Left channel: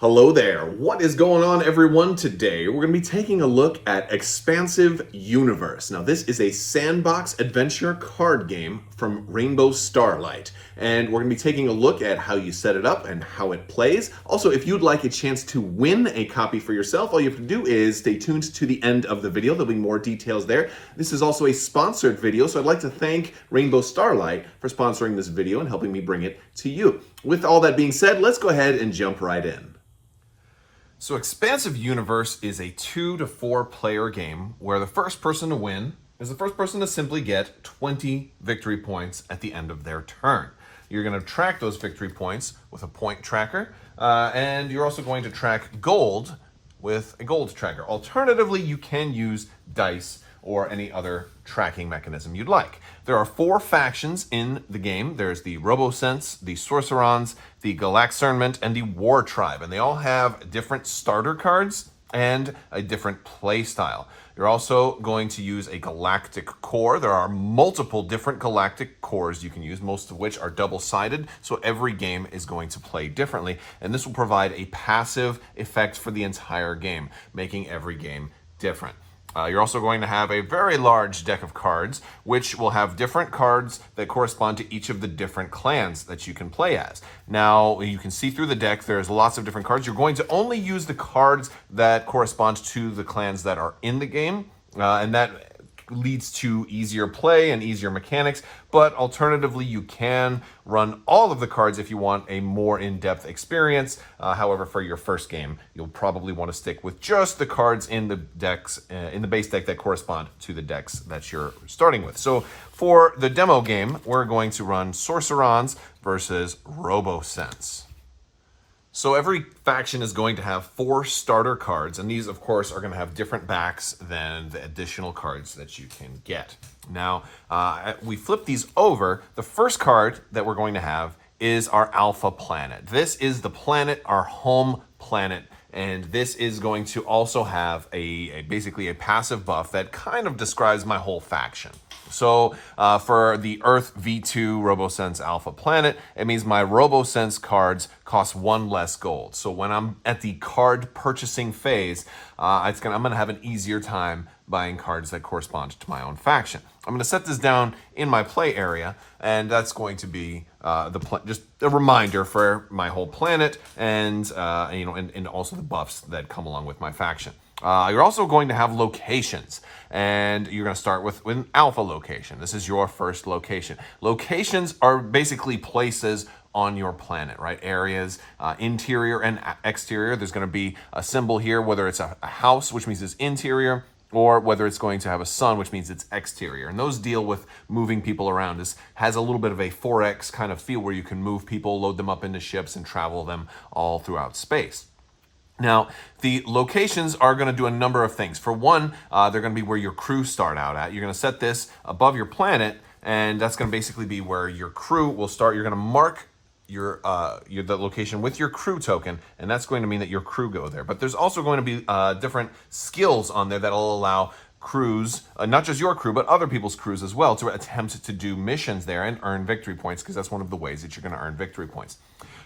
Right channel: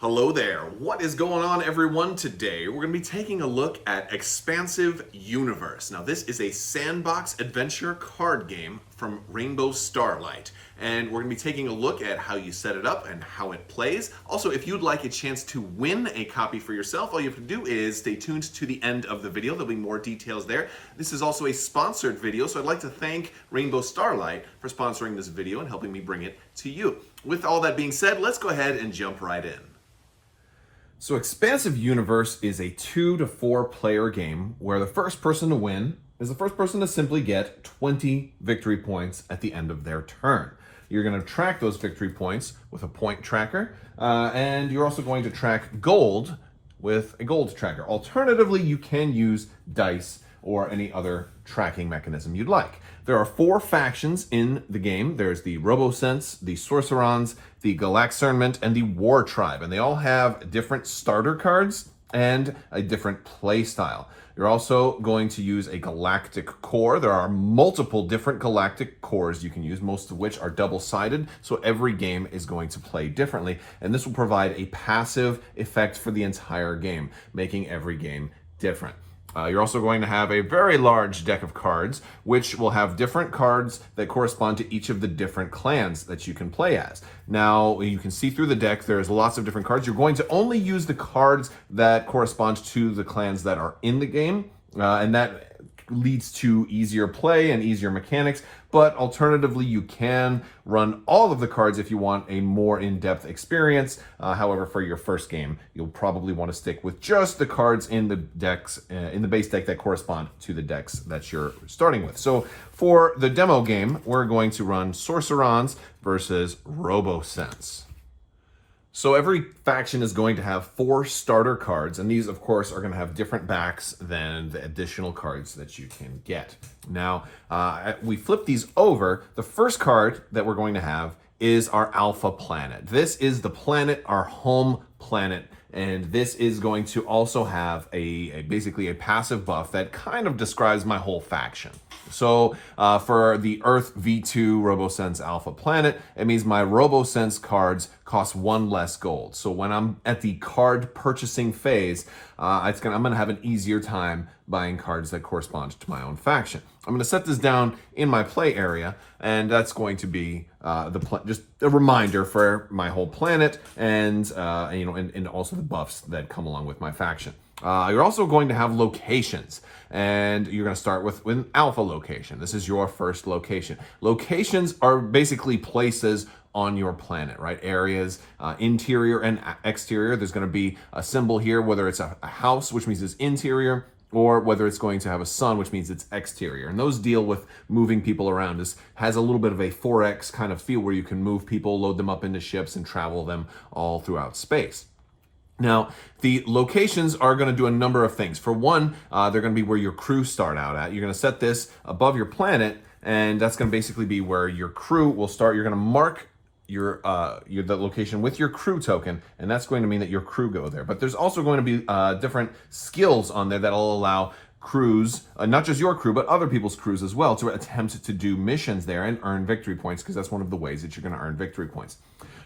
Hello there. What is going on, everyone? Today, we're going to be taking a look at Expansive Universe. Now, this is a sandbox adventure card game from Rainbow Starlight. And we're going to be taking a look at how you set it up and how it plays. Also, if you'd like a chance to win a copy for yourself, all you have to do is stay tuned to the end of the video. There'll be more details there. This is also a sponsored video, so I'd like to thank Rainbow Starlight for sponsoring this video and helping me bring it to you. With all that being said, let's go ahead and jump right in. So Expansive Universe is a 2 to 4 player game where the first person to win is the first person to simply get 20 victory points at the end of their turn. You're going to track those victory points with a point tracker, and you're also going to track gold with a gold tracker. Alternatively, you can use dice or any other tracking mechanism you'd like. There are 4 factions in the game. There's the Robosense, the Sorcerons, the Galaxernment, and the War Tribe, and they all have different starter cards and a different play style. You're also going to use a galactic core. There are multiple different galactic cores you can use, most of which are double-sided, so every game is going to play differently, and this will provide a passive effect for the entire game, making every game different. You're also going to have a very large deck of cards, which will have different cards that correspond to each of the different clans that you can play as. Now, you can see through the deck, there's lots of different cards. You're going to only use the cards that correspond to the clans that are in the game, and that leads to easier play and easier mechanics, but alternatively you can run all of the cards if you want a more in-depth experience. However, for your first game, you'll probably want to stick with just the cards in the decks, in the base deck that correspond to the decks that you're starting with. So for the demo game, we're going to run Sorcerons versus Robosense. So every faction is going to have 4 starter cards, and these, of course, are going to have different backs than the additional cards that you can get. Now, we flip these over. The first card that we're going to have is our Alpha Planet. This is the planet, our home planet, and this is going to also have basically a passive buff that kind of describes my whole faction. So for the Earth V2 Robosense Alpha Planet, it means my Robosense cards cost 1 less gold. So when I'm at the card purchasing phase, I'm going to have an easier time buying cards that correspond to my own faction. I'm going to set this down in my play area, and that's going to be just a reminder for my whole planet, and and also the buffs that come along with my faction. You're also going to have locations, and you're going to start with an alpha location. This is your first location. Locations are basically places on your planet, right? Areas, interior and exterior. There's going to be a symbol here, whether it's a house, which means it's interior, or whether it's going to have a sun, which means it's exterior. And those deal with moving people around. This has a little bit of a 4X kind of feel where you can move people, load them up into ships, and travel them all throughout space. Now, the locations are going to do a number of things. For one, they're going to be where your crew start out at. You're going to set this above your planet, and that's going to basically be where your crew will start. You're going to mark the location with your crew token, and that's going to mean that your crew go there. But there's also going to be different skills on there that'll allow crews, not just your crew, but other people's crews as well, to attempt to do missions there and earn victory points, because that's one of the ways that you're going to earn victory points.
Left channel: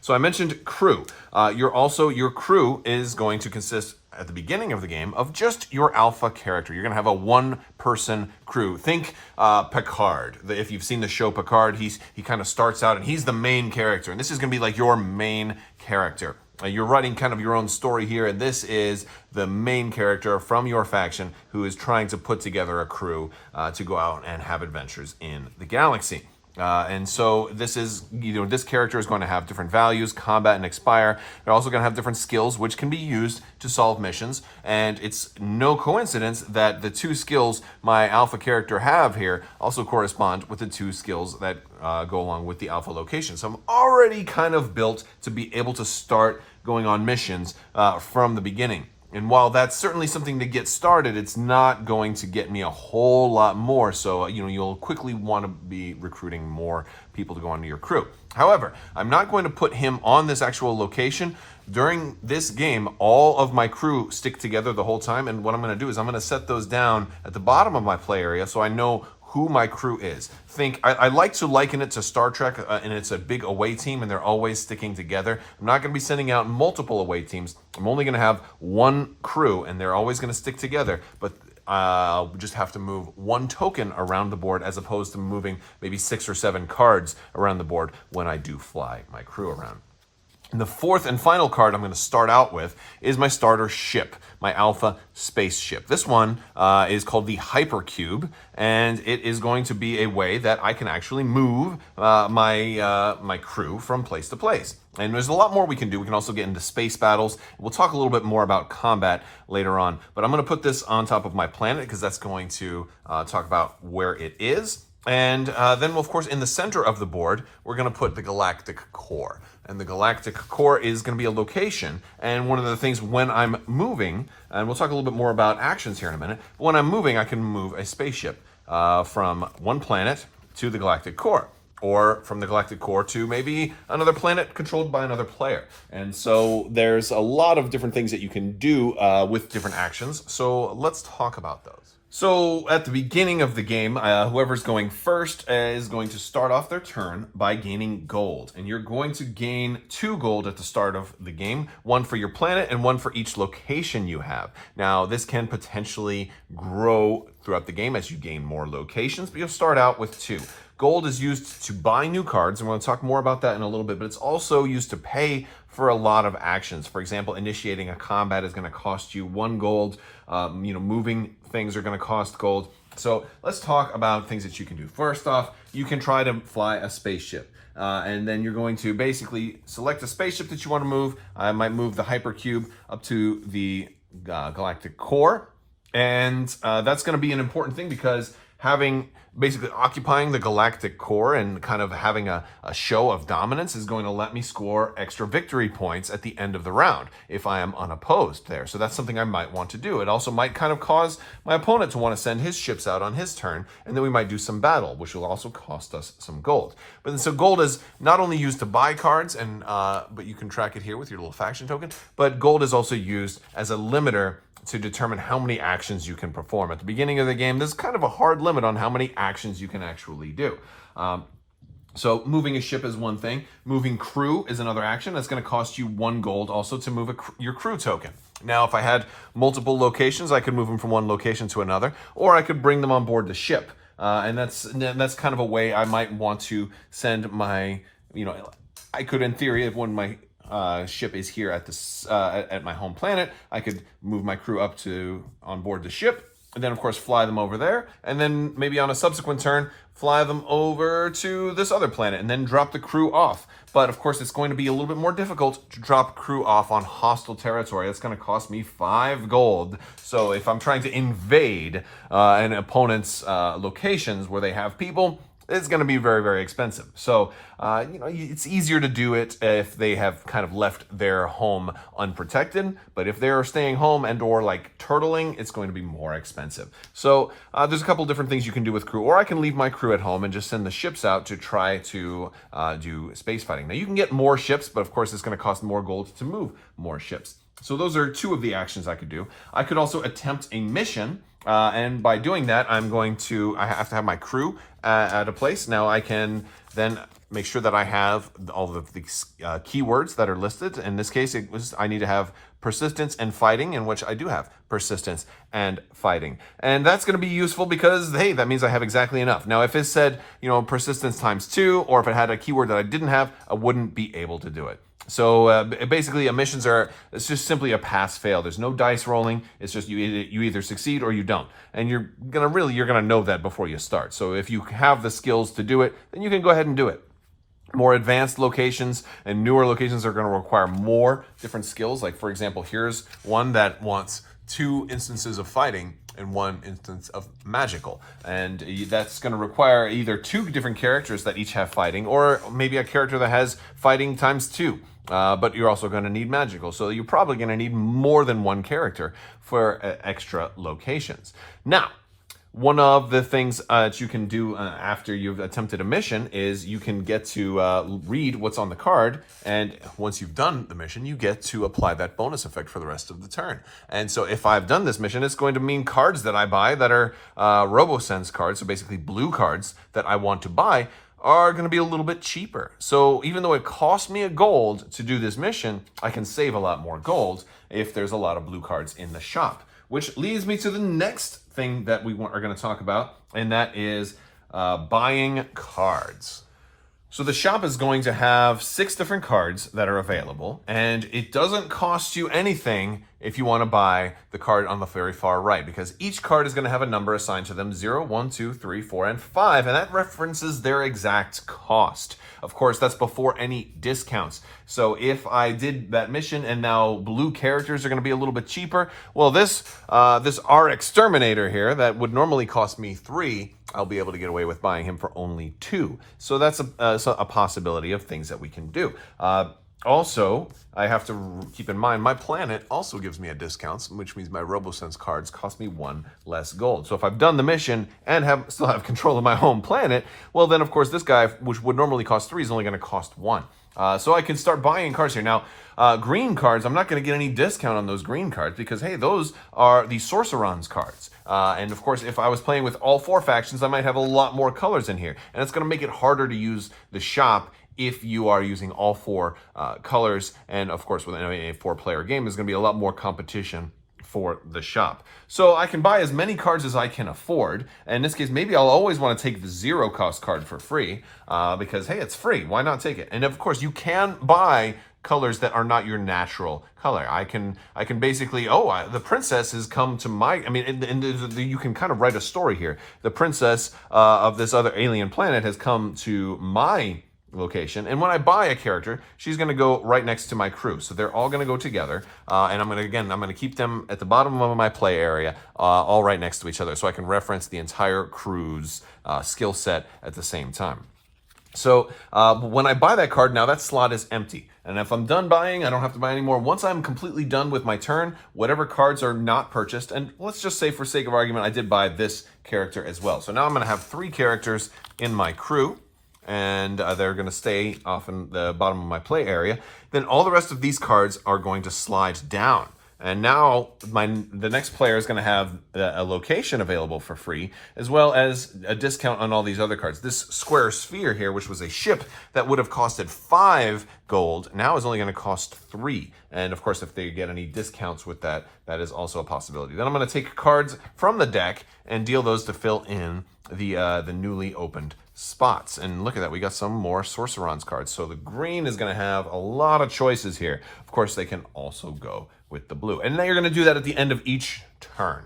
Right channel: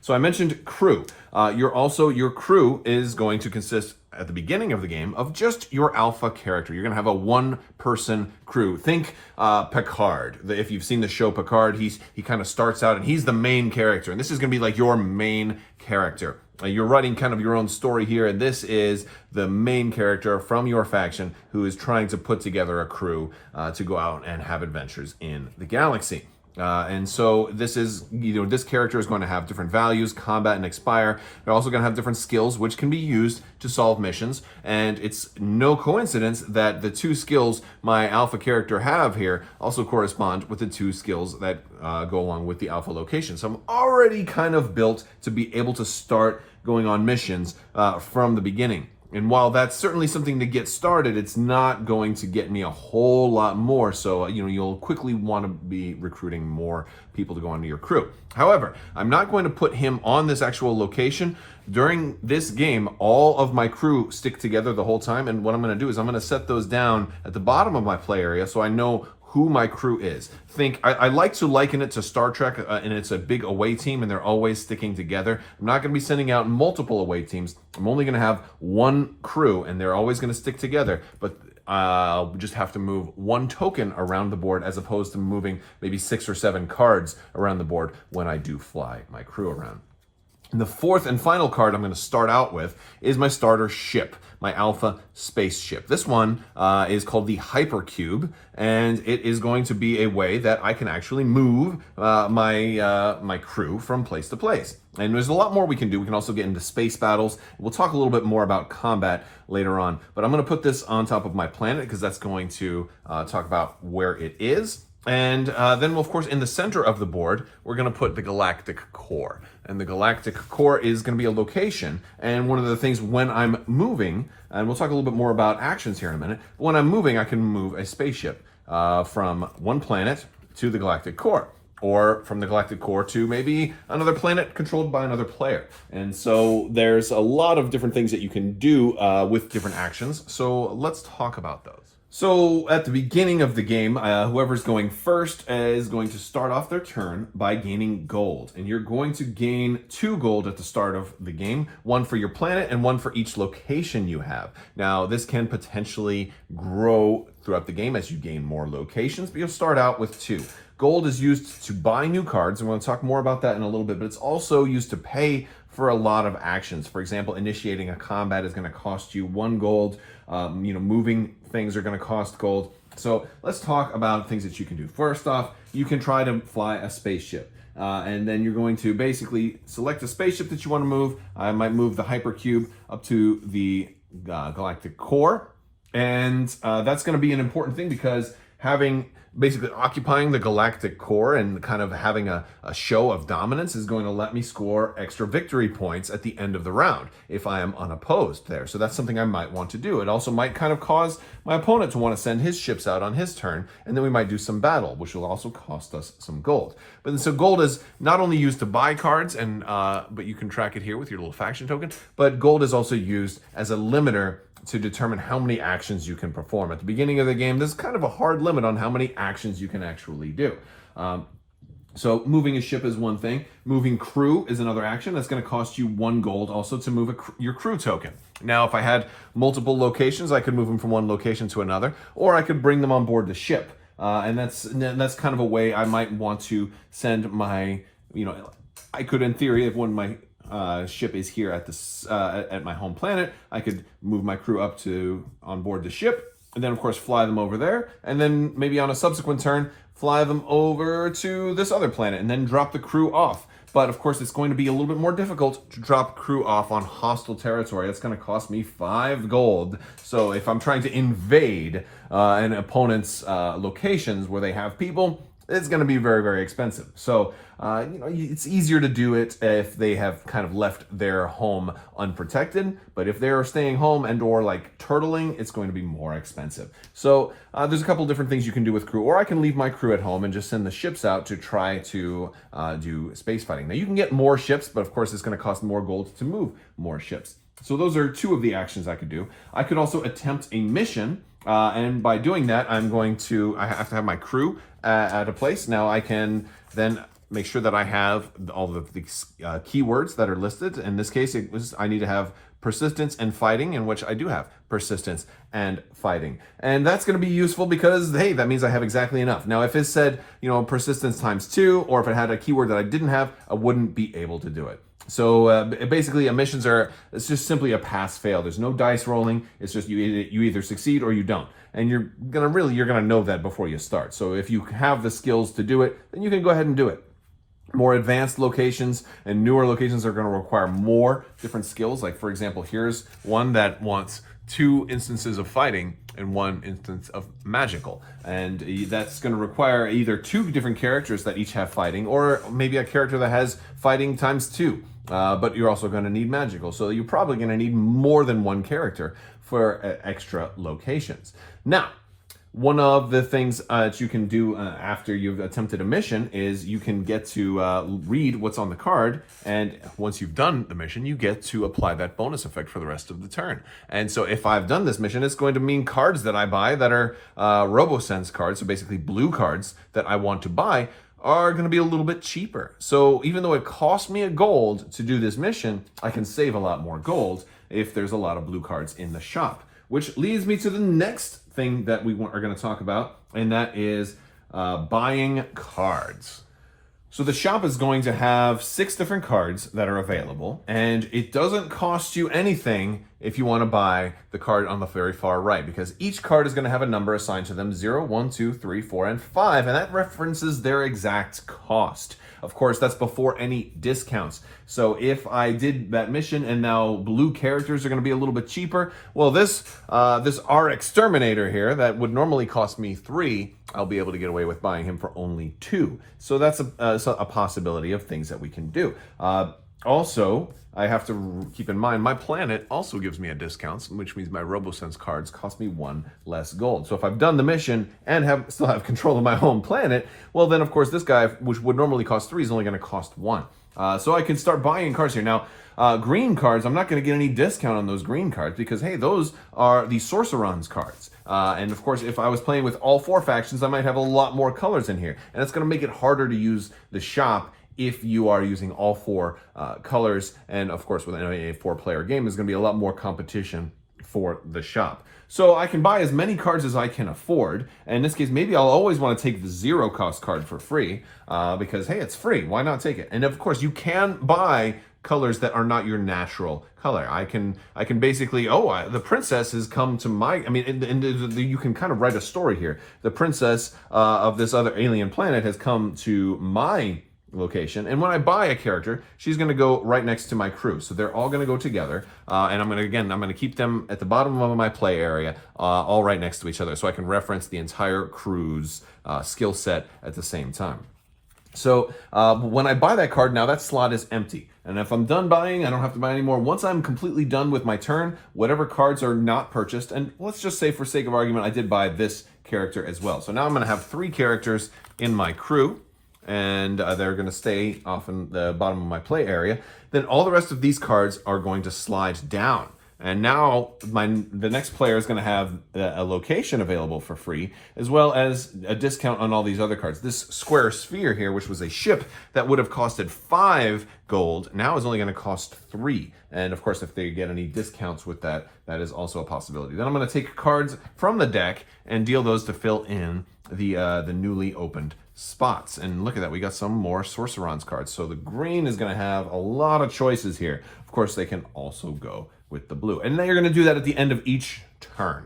So I mentioned crew. Your crew is going to consist at the beginning of the game of just your alpha character. You're going to have a 1-person crew. Think Picard. If you've seen the show Picard, he kind of starts out and he's the main character, and this is going to be like your main character. You're writing kind of your own story here, and this is the main character from your faction who is trying to put together a crew to go out and have adventures in the galaxy. And so this is, this character is going to have different values, combat and expire. They're also going to have different skills, which can be used to solve missions. And it's no coincidence that the 2 skills my alpha character have here also correspond with the 2 skills that go along with the alpha location. So I'm already kind of built to be able to start going on missions from the beginning. And while that's certainly something to get started, it's not going to get me a whole lot more. So, you'll quickly want to be recruiting more people to go onto your crew. However, I'm not going to put him on this actual location. During this game, all of my crew stick together the whole time. And what I'm going to do is I'm going to set those down at the bottom of my play area so I know who my crew is. I like to liken it to Star Trek, and it's a big away team, and they're always sticking together. I'm not going to be sending out multiple away teams. I'm only going to have one crew, and they're always going to stick together, but I'll just have to move one token around the board as opposed to moving maybe 6 or 7 cards around the board when I do fly my crew around. And the fourth and final card I'm going to start out with is my starter ship, my Alpha spaceship. This one is called the Hypercube, and it is going to be a way that I can actually move my crew from place to place. And there's a lot more we can do. We can also get into space battles. We'll talk a little bit more about combat later on. But I'm going to put this on top of my planet because that's going to talk about where it is. And then, of course, in the center of the board, we're going to put the galactic core. And the galactic core is going to be a location. And one of the things when I'm moving, and we'll talk a little bit more about actions here in a minute, when I'm moving, I can move a spaceship from one planet to the galactic core, or from the galactic core to maybe another planet controlled by another player. And so there's a lot of different things that you can do with different actions. So let's talk about those. So at the beginning of the game, whoever's going first is going to start off their turn by gaining gold. And you're going to gain 2 gold at the start of the game, 1 for your planet and 1 for each location you have. Now, this can potentially grow throughout the game as you gain more locations, but you'll start out with 2. Gold is used to buy new cards, and we're going to talk more about that in a little bit, but it's also used to pay for a lot of actions. For example, initiating a combat is going to cost you 1 gold. Moving things are going to cost gold. So let's talk about things that you can do. First off, you can try to fly a spaceship. And then you're going to basically select a spaceship that you want to move. I might move the Hypercube up to the galactic core. And that's going to be an important thing because basically occupying the galactic core and kind of having a show of dominance is going to let me score extra victory points at the end of the round if I am unopposed there. So that's something I might want to do. It also might kind of cause my opponent to want to send his ships out on his turn, and then we might do some battle, which will also cost us some gold. But so gold is not only used to buy cards, but you can track it here with your little faction token, but gold is also used as a limiter to determine how many actions you can perform. At the beginning of the game, there's kind of a hard limit on how many actions you can actually do. So moving a ship is one thing. Moving crew is another action. That's going to cost you 1 gold also to move your crew token. Now, if I had multiple locations, I could move them from one location to another, or I could bring them on board the ship. And that's kind of a way I might want to send my, I could, in theory, if one of my ship is here at my home planet, I could move my crew up on board the ship, and then of course fly them over there, and then maybe on a subsequent turn fly them over to this other planet, and then drop the crew off. But of course, it's going to be a little bit more difficult to drop crew off on hostile territory. That's going to cost me 5 gold. So if I'm trying to invade an opponent's locations where they have people, it's going to be very, very expensive. So, it's easier to do it if they have kind of left their home unprotected. But if they're staying home and or like turtling, it's going to be more expensive. So there's a couple different things you can do with crew. Or I can leave my crew at home and just send the ships out to try to do space fighting. Now, you can get more ships, but of course, it's going to cost more gold to move more ships. So those are 2 of the actions I could do. I could also attempt a mission. And by doing that, I have to have my crew at a place. Now I can then make sure that I have all of the keywords that are listed. In this case, I need to have persistence and fighting, in which I do have persistence and fighting. And that's going to be useful because, hey, that means I have exactly enough. Now, if it said, persistence times 2, or if it had a keyword that I didn't have, I wouldn't be able to do it. So basically, missions it's just simply a pass-fail. There's no dice rolling. It's just you either succeed or you don't. And you're gonna know that before you start. So if you have the skills to do it, then you can go ahead and do it. More advanced locations and newer locations are going to require more different skills. Like, for example, here's one that wants 2 instances of fighting and 1 instance of magical. And that's going to require either 2 different characters that each have fighting, or maybe a character that has fighting times 2. But you're also going to need magical. So you're probably going to need more than 1 character for extra locations. Now, One of the things that you can do after you've attempted a mission is you can get to read what's on the card, and once you've done the mission, you get to apply that bonus effect for the rest of the turn. And so if I've done this mission, it's going to mean cards that I buy that are RoboSense cards, so basically blue cards that I want to buy, are going to be a little bit cheaper. So even though it cost me a gold to do this mission, I can save a lot more gold if there's a lot of blue cards in the shop. Which leads me to the next thing that we are going to talk about, and that is buying cards. So the shop is going to have 6 different cards that are available, and it doesn't cost you anything if you want to buy the card on the very far right, because each card is going to have a number assigned to them, 0, 1, 2, 3, 4, and 5, and that references their exact cost. Of course, that's before any discounts. So if I did that mission and now blue characters are going to be a little bit cheaper, well, this our exterminator here that would normally cost me 3, I'll be able to get away with buying him for only 2. So that's a possibility of things that we can do. Also, I have to keep in mind my planet also gives me a discount, which means my RoboSense cards cost me 1 less gold. So if I've done the mission and still have control of my home planet, well then of course this guy, which would normally cost 3, is only going to cost 1. So I can start buying cards here. Now, green cards, I'm not going to get any discount on those green cards because, hey, those are the Sorcerons cards. And of course, if I was playing with all 4 factions, I might have a lot more colors in here. And it's going to make it harder to use the shop if you are using all 4 colors. And of course, with a 4-player game, there's going to be a lot more competition for the shop. So I can buy as many cards as I can afford. And in this case, maybe I'll always want to take the 0 cost card for free because, hey, it's free. Why not take it? And of course, you can buy colors that are not your natural color. I can basically, the princess has come to my, you can kind of write a story here. The princess of this other alien planet has come to my location, and when I buy a character, she's going to go right next to my crew, so they're all going to go together, and I'm going to keep them at the bottom of my play area, all right next to each other, so I can reference the entire crew's skill set at the same time. So when I buy that card, now that slot is empty, and if I'm done buying, I don't have to buy anymore. Once I'm completely done with my turn, whatever cards are not purchased, and let's just say for sake of argument, I did buy this character as well. So now I'm going to have 3 characters in my crew, and they're going to stay off in the bottom of my play area. Then all the rest of these cards are going to slide down. And now the next player is going to have a location available for free, as well as a discount on all these other cards. This square sphere here, which was a ship that would have costed 5 gold, now is only going to cost 3. And of course, if they get any discounts with that, that is also a possibility. Then I'm going to take cards from the deck and deal those to fill in the newly opened spots. And look at that, we got some more Sorcerons cards. So the green is going to have a lot of choices here. Of course, they can also go with the blue. And now you're going to do that at the end of each turn.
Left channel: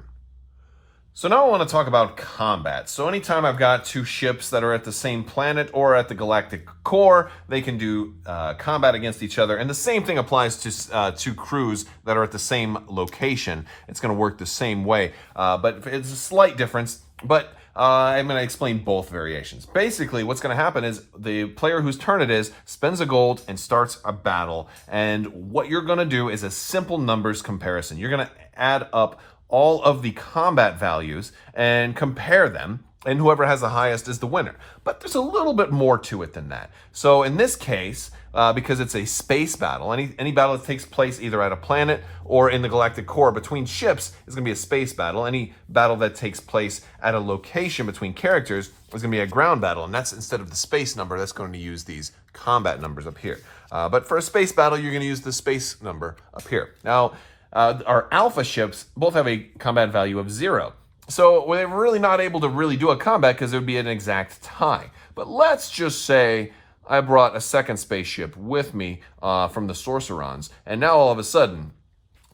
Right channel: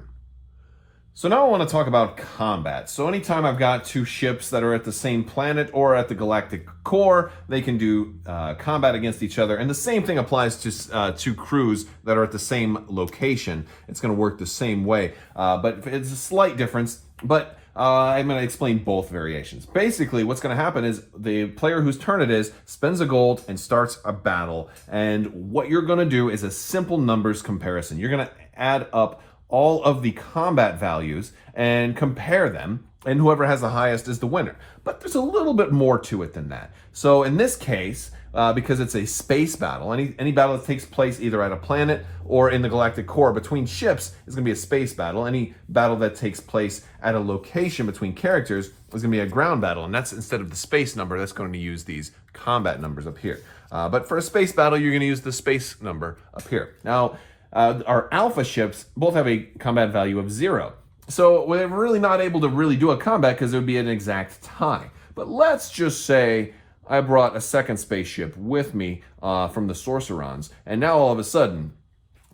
So now I want to talk about combat. So anytime I've got 2 ships that are at the same planet or at the galactic core, they can do combat against each other. And the same thing applies to 2 crews that are at the same location. It's going to work the same way, but it's a slight difference. But I'm going to explain both variations. Basically, what's going to happen is the player whose turn it is spends a gold and starts a battle. And what you're going to do is a simple numbers comparison. You're going to add up all of the combat values and compare them, and whoever has the highest is the winner. But there's a little bit more to it than that. So in this case, because it's a space battle, any battle that takes place either at a planet or in the galactic core between ships is going to be a space battle. Any battle that takes place at a location between characters is going to be a ground battle, and that's instead of the space number, that's going to use these combat numbers up here. But for a space battle, you're going to use the space number up here. Now, our alpha ships both have a combat value of 0. So we're really not able to really do a combat because there would be an exact tie. But let's just say I brought a second spaceship with me from the Sorcerons, and now all of a sudden,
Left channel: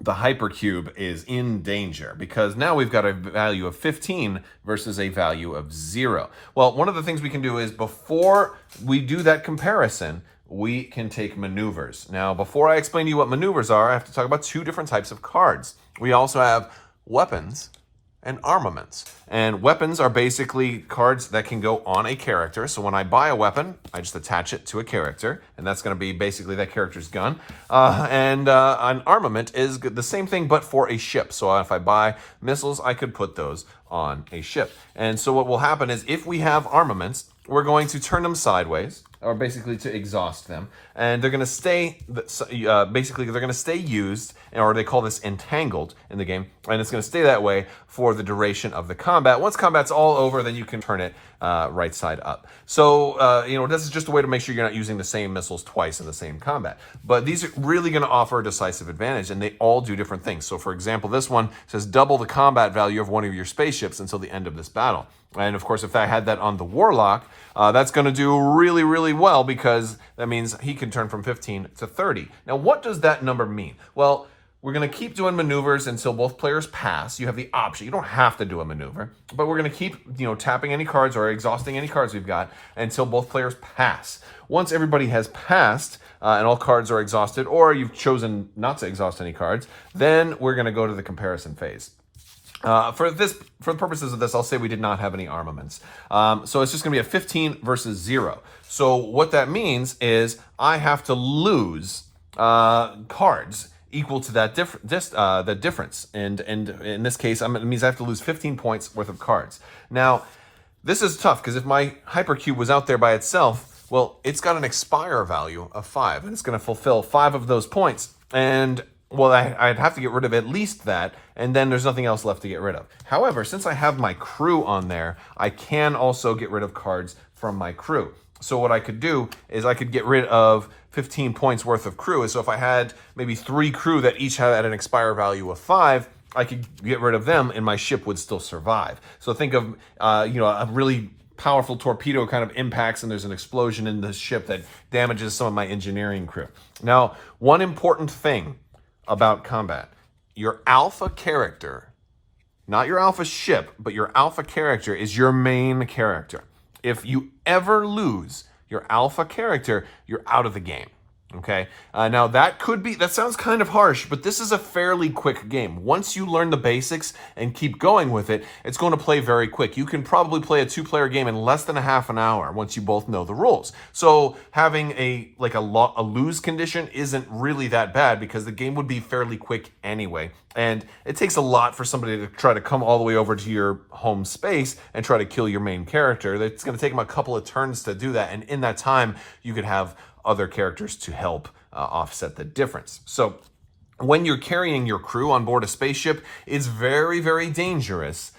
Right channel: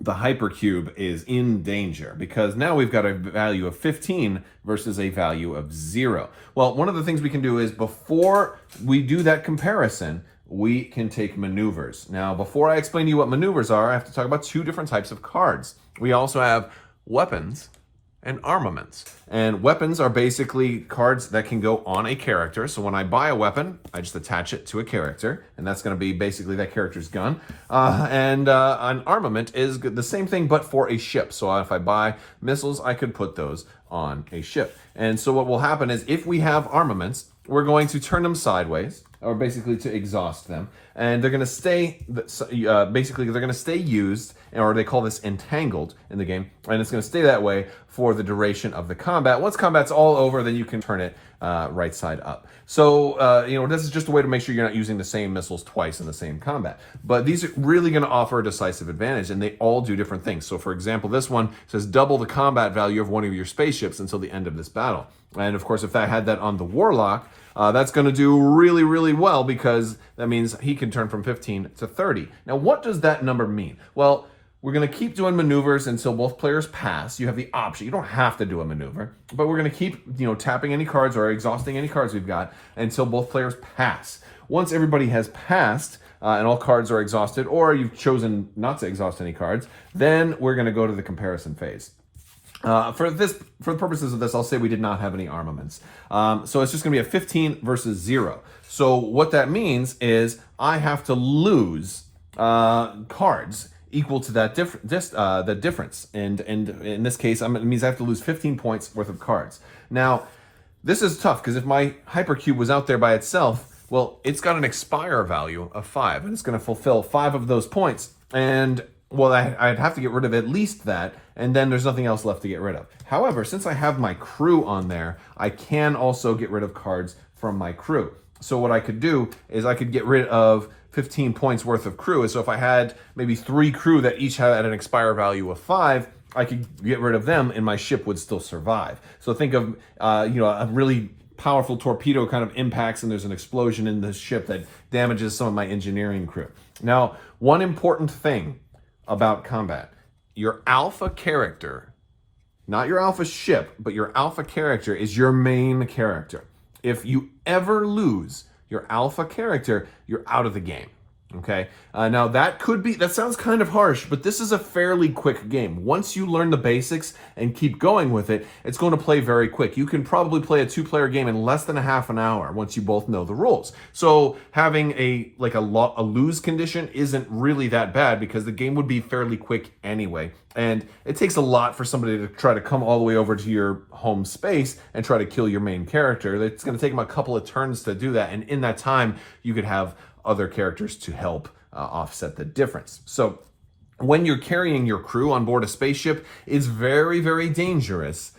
the hypercube is in danger because now we've got a value of 15 versus a value of 0. Well, one of the things we can do is before we do that comparison, we can take maneuvers. Now, before I explain to you what maneuvers are, I have to talk about 2 different types of cards. We also have weapons and armaments. And weapons are basically cards that can go on a character. So when I buy a weapon, I just attach it to a character, and that's going to be basically that character's gun. And an armament is the same thing, but for a ship. So if I buy missiles, I could put those on a ship. And so what will happen is if we have armaments, we're going to turn them sideways, or basically to exhaust them, and they're going to stay, basically they're going to stay used, or they call this entangled in the game, and it's going to stay that way for the duration of the combat. Once combat's all over, then you can turn it right side up. So, this is just a way to make sure you're not using the same missiles twice in the same combat. But these are really going to offer a decisive advantage, and they all do different things. So, for example, this one says double the combat value of one of your spaceships until the end of this battle. And, of course, if I had that on the Warlock, that's going to do really, really well because that means he can turn from 15 to 30. Now, what does that number mean? Well, we're going to keep doing maneuvers until both players pass. You have the option. You don't have to do a maneuver, but we're going to keep, tapping any cards or exhausting any cards we've got until both players pass. Once everybody has passed and all cards are exhausted, or you've chosen not to exhaust any cards, then we're going to go to the comparison phase. For the purposes of this, I'll say we did not have any armaments. So it's just going to be a 15 versus 0. So what that means is I have to lose cards equal to that difference. And in this case, it means I have to lose 15 points worth of cards. Now, this is tough because if my hypercube was out there by itself, well, it's got an expire value of 5, and it's going to fulfill 5 of those points. And well, I'd have to get rid of at least that, and then there's nothing else left to get rid of. However, since I have my crew on there, I can also get rid of cards from my crew. So what I could do is I could get rid of 15 points worth of crew. So if I had maybe 3 crew that each had an expire value of 5, I could get rid of them and my ship would still survive. So think of, a really powerful torpedo kind of impacts and there's an explosion in the ship that damages some of my engineering crew. Now, one important thing about combat, your alpha character, not your alpha ship, but your alpha character is your main character. If you ever lose your alpha character, you're out of the game. Okay. Now that sounds kind of harsh, but this is a fairly quick game. Once you learn the basics and keep going with it, it's going to play very quick. You can probably play a 2-player game in less than a half an hour once you both know the rules. So having a lose condition isn't really that bad because the game would be fairly quick anyway. And it takes a lot for somebody to try to come all the way over to your home space and try to kill your main character. It's going to take them a couple of turns to do that. And in that time, you could have other characters to help offset the difference. So when you're carrying your crew on board a spaceship, it's very, very dangerous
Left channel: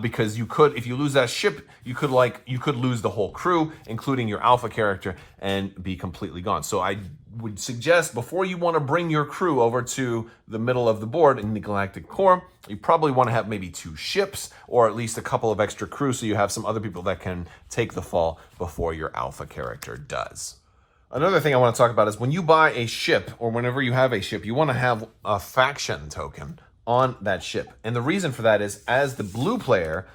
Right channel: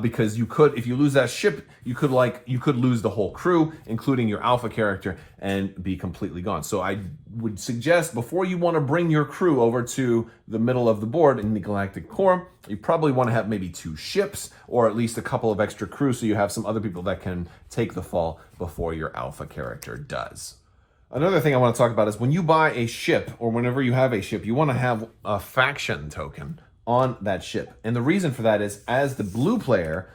because if you lose that ship, you could lose the whole crew, including your alpha character, and be completely gone. So I would suggest before you want to bring your crew over to the middle of the board in the galactic core, you probably want to have maybe 2 ships or at least a couple of extra crew so you have some other people that can take the fall before your alpha character does. Another thing I want to talk about is when you buy a ship or whenever you have a ship, you want to have a faction token on that ship. And the reason for that is as the blue player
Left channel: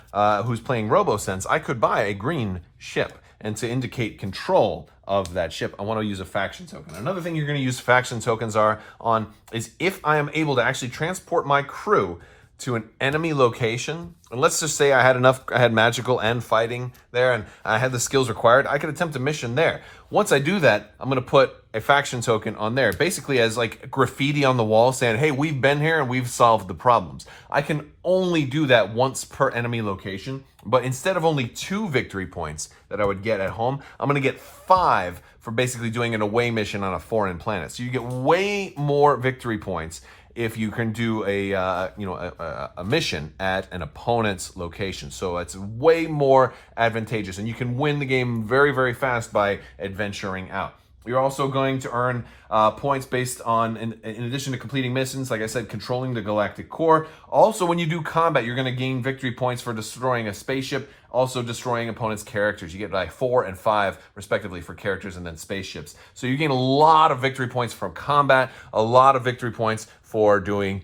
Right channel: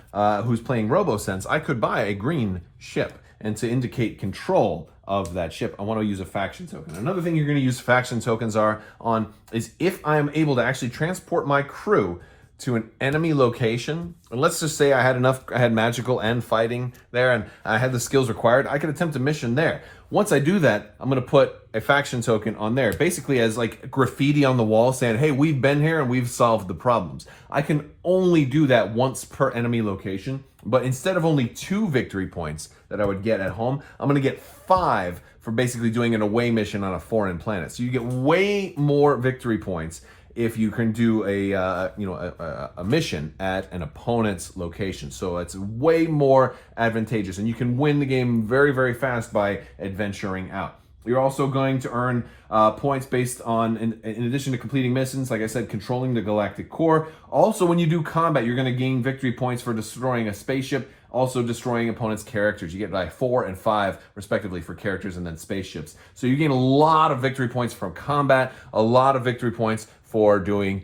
who's playing RoboSense, I could buy a green ship. And to indicate control of that ship, I want to use a faction token. Another thing you're going to use faction tokens on is if I am able to actually transport my crew to an enemy location, and let's just say I had magical and fighting there and I had the skills required, I could attempt a mission there. Once I do that, I'm going to put a faction token on there, basically as like graffiti on the wall saying, hey, we've been here and we've solved the problems. I can only do that once per enemy location, but instead of only 2 victory points that I would get at home, I'm going to get 5 for basically doing an away mission on a foreign planet. So you get way more victory points if you can do a mission at an opponent's location. So it's way more advantageous, and you can win the game very, very fast by adventuring out. You're also going to earn points based on, in addition to completing missions, like I said, controlling the galactic core. Also, when you do combat, you're going to gain victory points for destroying a spaceship, also destroying opponents' characters. You get like 4 and 5, respectively, for characters and then spaceships. So you gain a lot of victory points from combat, a lot of victory points for doing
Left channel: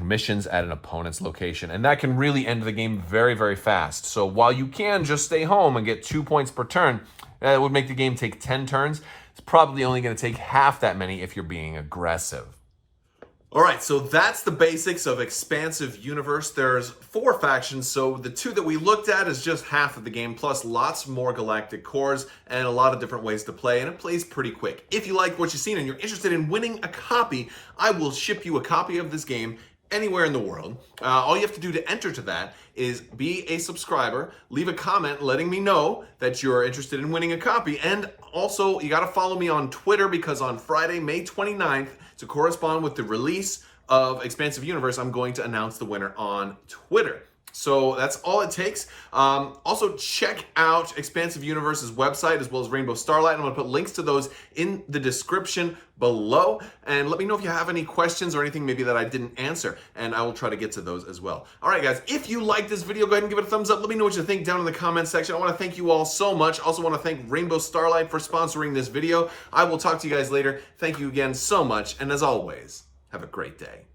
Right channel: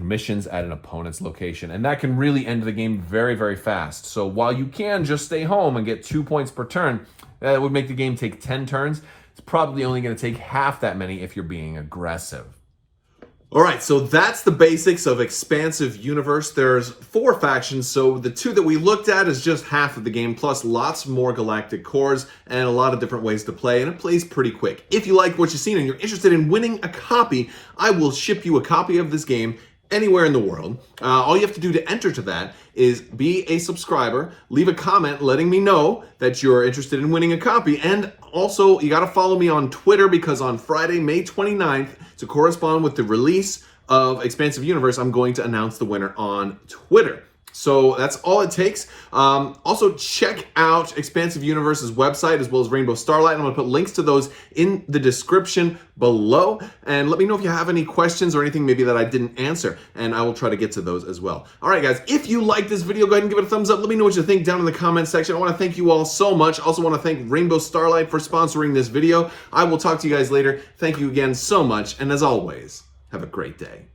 missions at an opponent's location. And that can really end the game very, very fast. So while you can just stay home and get 2 points per turn, that would make the game take 10 turns. It's probably only going to take half that many if you're being aggressive. All right, so that's the basics of Expansive Universe. There's 4 factions, so the 2 that we looked at is just half of the game, plus lots more galactic cores and a lot of different ways to play, and it plays pretty quick. If you like what you've seen and you're interested in winning a copy, I will ship you a copy of this game anywhere in the world. All you have to do to enter to that is be a subscriber, leave a comment letting me know that you're interested in winning a copy, and also you got to follow me on Twitter, because on Friday, May 29th, to correspond with the release of Expansive Universe, I'm going to announce the winner on Twitter. So that's all it takes. Also, check out Expansive Universe's website as well as Rainbow Starlight. I'm going to put links to those in the description below. And let me know if you have any questions or anything maybe that I didn't answer, and I will try to get to those as well. All right, guys, if you like this video, go ahead and give it a thumbs up. Let me know what you think down in the comment section. I want to thank you all so much. I also want to thank Rainbow Starlight for sponsoring this video. I will talk to you guys later. Thank you again so much. And as always, have a great day.